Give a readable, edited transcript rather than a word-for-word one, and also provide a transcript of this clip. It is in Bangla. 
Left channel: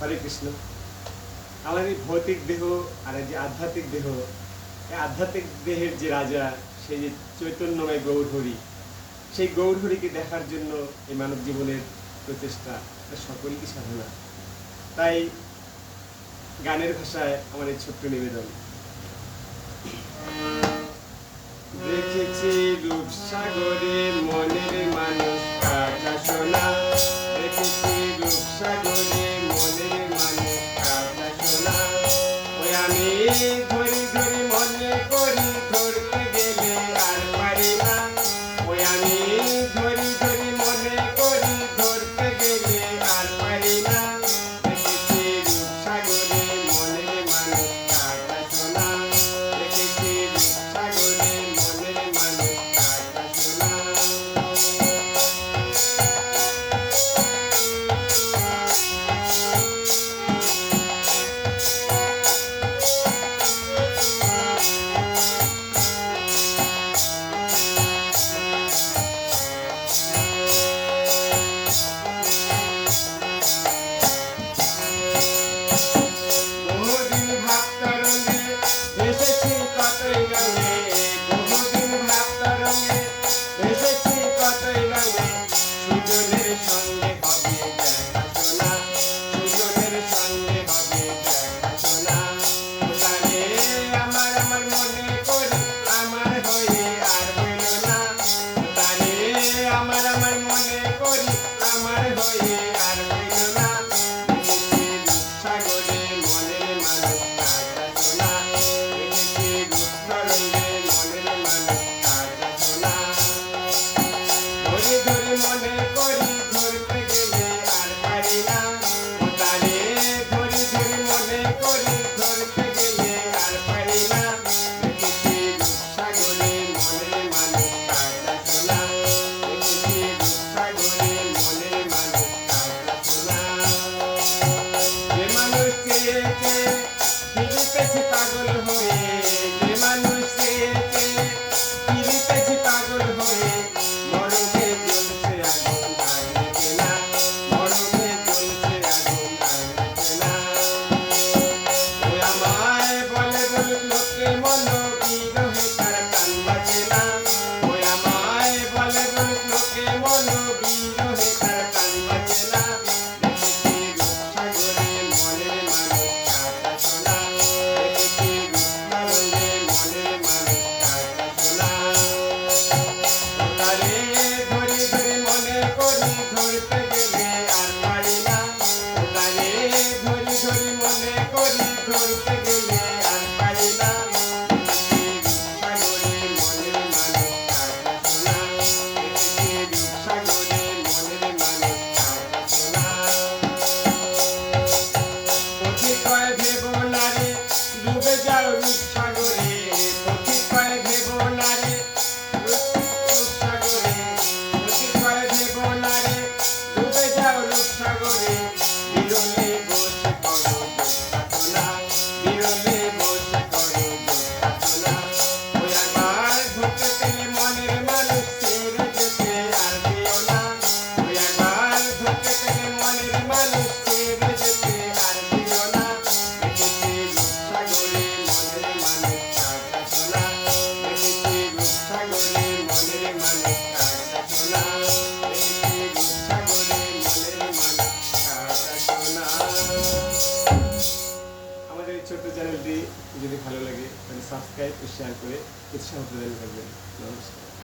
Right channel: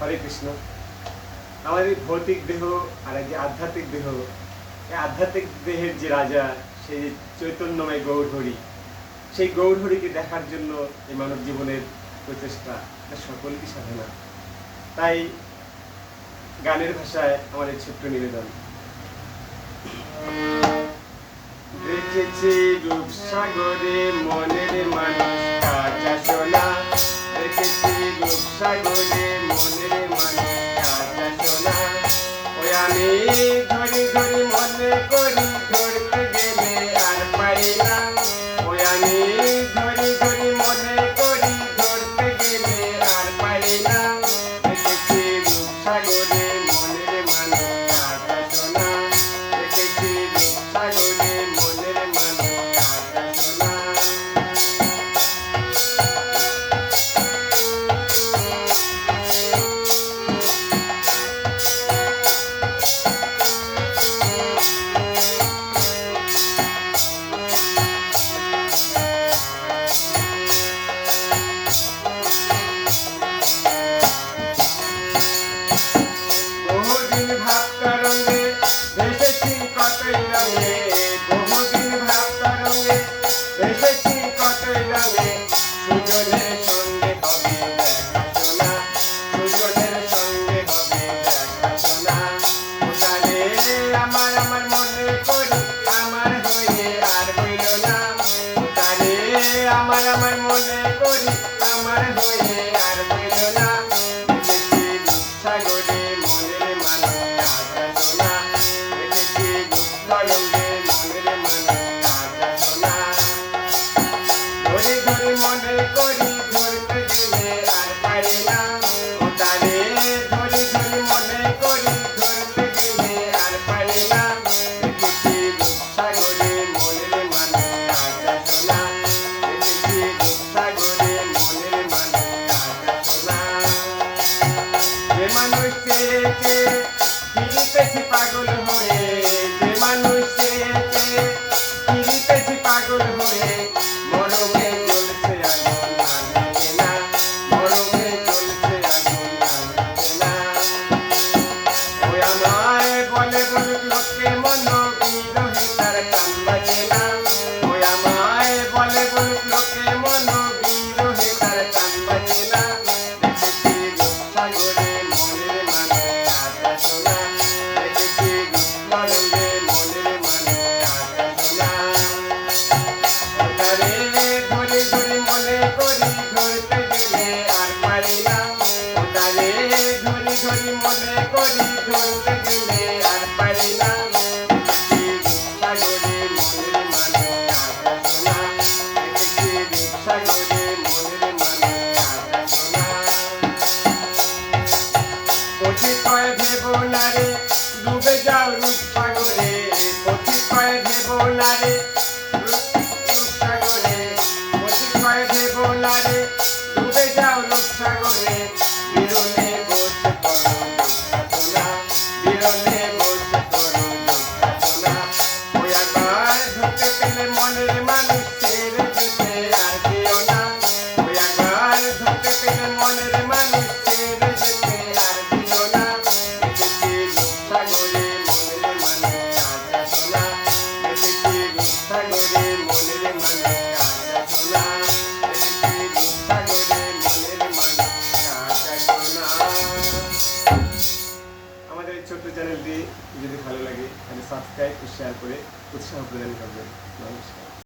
হরে কৃষ্ণ। আমাদের এই ভৌতিক দেহ আর এই যে আধ্যাত্মিক দেহ, এই আধ্যাত্মিক দেহের যে রাজা, সেই চৈতন্যময় গৌরহরি, সেই গৌরহরিকে দেখার জন্য এই মানব জীবনের প্রচেষ্টা, সকলই সাধনা। তাই গানের ভাষায় আমাদের ছোট্ট নিবেদন। দেখেছি রূপসাগরে মনের মানুষ কাঁচা সোনা, দেখেছি রূপসাগরে মনের মানুষ কাঁচা সোনা। ওই আমি ধরি ধরি মনে করি, ধরতে গেলে আর পারি না। ওই আমি ধরি ধরি মনে করি, ধরতে গেলে আর পারি না। দেখেছি রূপসাগরে মনের মানুষ কাঁচা সোনা, দেখেছি রূপসাগরে মনের মানুষ কাঁচা সোনা। বহুদিন ভাব তরঙ্গে ভেসেছি কতই রঙে, বহুদিন ভাব তরঙ্গে ভেসেছি কতই রঙে। সুজনের সঙ্গে হবে দেখা শোনা, সুজনের সঙ্গে হবে দেখা শোনা। ওটারে আমার আমার মনে করি, আমার হয়ে আর হইল না। ওটারে আমার আমার মনে করি, আমার হয়ে আর হইল না। দেখেছি রূপসাগরে মনের মানুষ কাঁচা সোনা, দেখেছি রূপসাগরে মনের মানুষ কাঁচা সোনা। ধরি ধরি মনে করি, ধরতে গেলে আর পারি না। ওটারে ধরি ধরি মনে করি, ধরতে গেলে আর পারি না। দেখেছি রূপসাগরে মনের মানুষ কাঁচা সোনা, দেখেছি রূপসাগরে মনের মানুষ কাঁচা সোনা। যে মানুষ চেয়ে চেয়ে ফিরিতেছি পাগল হয়ে, যে মানুষ চেয়ে চেয়ে ফিরিতেছি পাগল হয়ে। মরমে জ্বলছে আগুন আর নিভে না, মরমে জ্বলছে আগুন আর নিভে না। ওই আমায় বলে বলুক লোকে মন, বিরহে তার প্রাণ বাঁচে না। ওই আমায় বলে বলুক লোকে মন, বিরহে তার প্রাণ বাঁচে না। দেখেছি রূপসাগরে মনের মানুষ কাঁচা সোনা, দেখেছি রূপসাগরে মনের মানুষ কাঁচা সোনা। ওটারে ধরি ধরি মনে করি, ধরতে গেলে আর পারি না। ওটারে ধরি ধরি মনে করি, ধরতে গেলে আর পারি না। দেখেছি রূপসাগরে মনের মানুষ কাঁচা সোনা, দেখেছি রূপসাগরে মনের মানুষ কাঁচা সোনা। পথিক কয় ভেবো না রে, ডুবে যাও রূপসাগরে, পথিক কয় ভেবো না রে, রূপসাগরে, পথিক কয় ভেবো না রে, ডুবে যাও রূপসাগরে। বিরলে বসে পড়ো দুঃখাতনা, বিরলে বসে পড়ো দুঃখাতনা। ওই একবার ধরতে পেলে মনের মানুষ ছেড়ে যেতে আর দিও না। ওই একবার ধরতে পেলে মনের মানুষ ছেড়ে যেতে আর দিও না। দেখেছি রূপসাগরে মনের মানুষ কাঁচা সোনা, দেখেছি রূপসাগরে মনের মানুষ কাঁচা সোনা, দেখেছি রূপসাগরে মনের মানুষ কাঁচা সোনা। আমাদের এই ছোট্ট চ্যানেলটি যদি ভালো লাগে তাহলে সাবস্ক্রাইব ও শেয়ার করে উৎসাহ প্রদান করবেন। নমস্কার।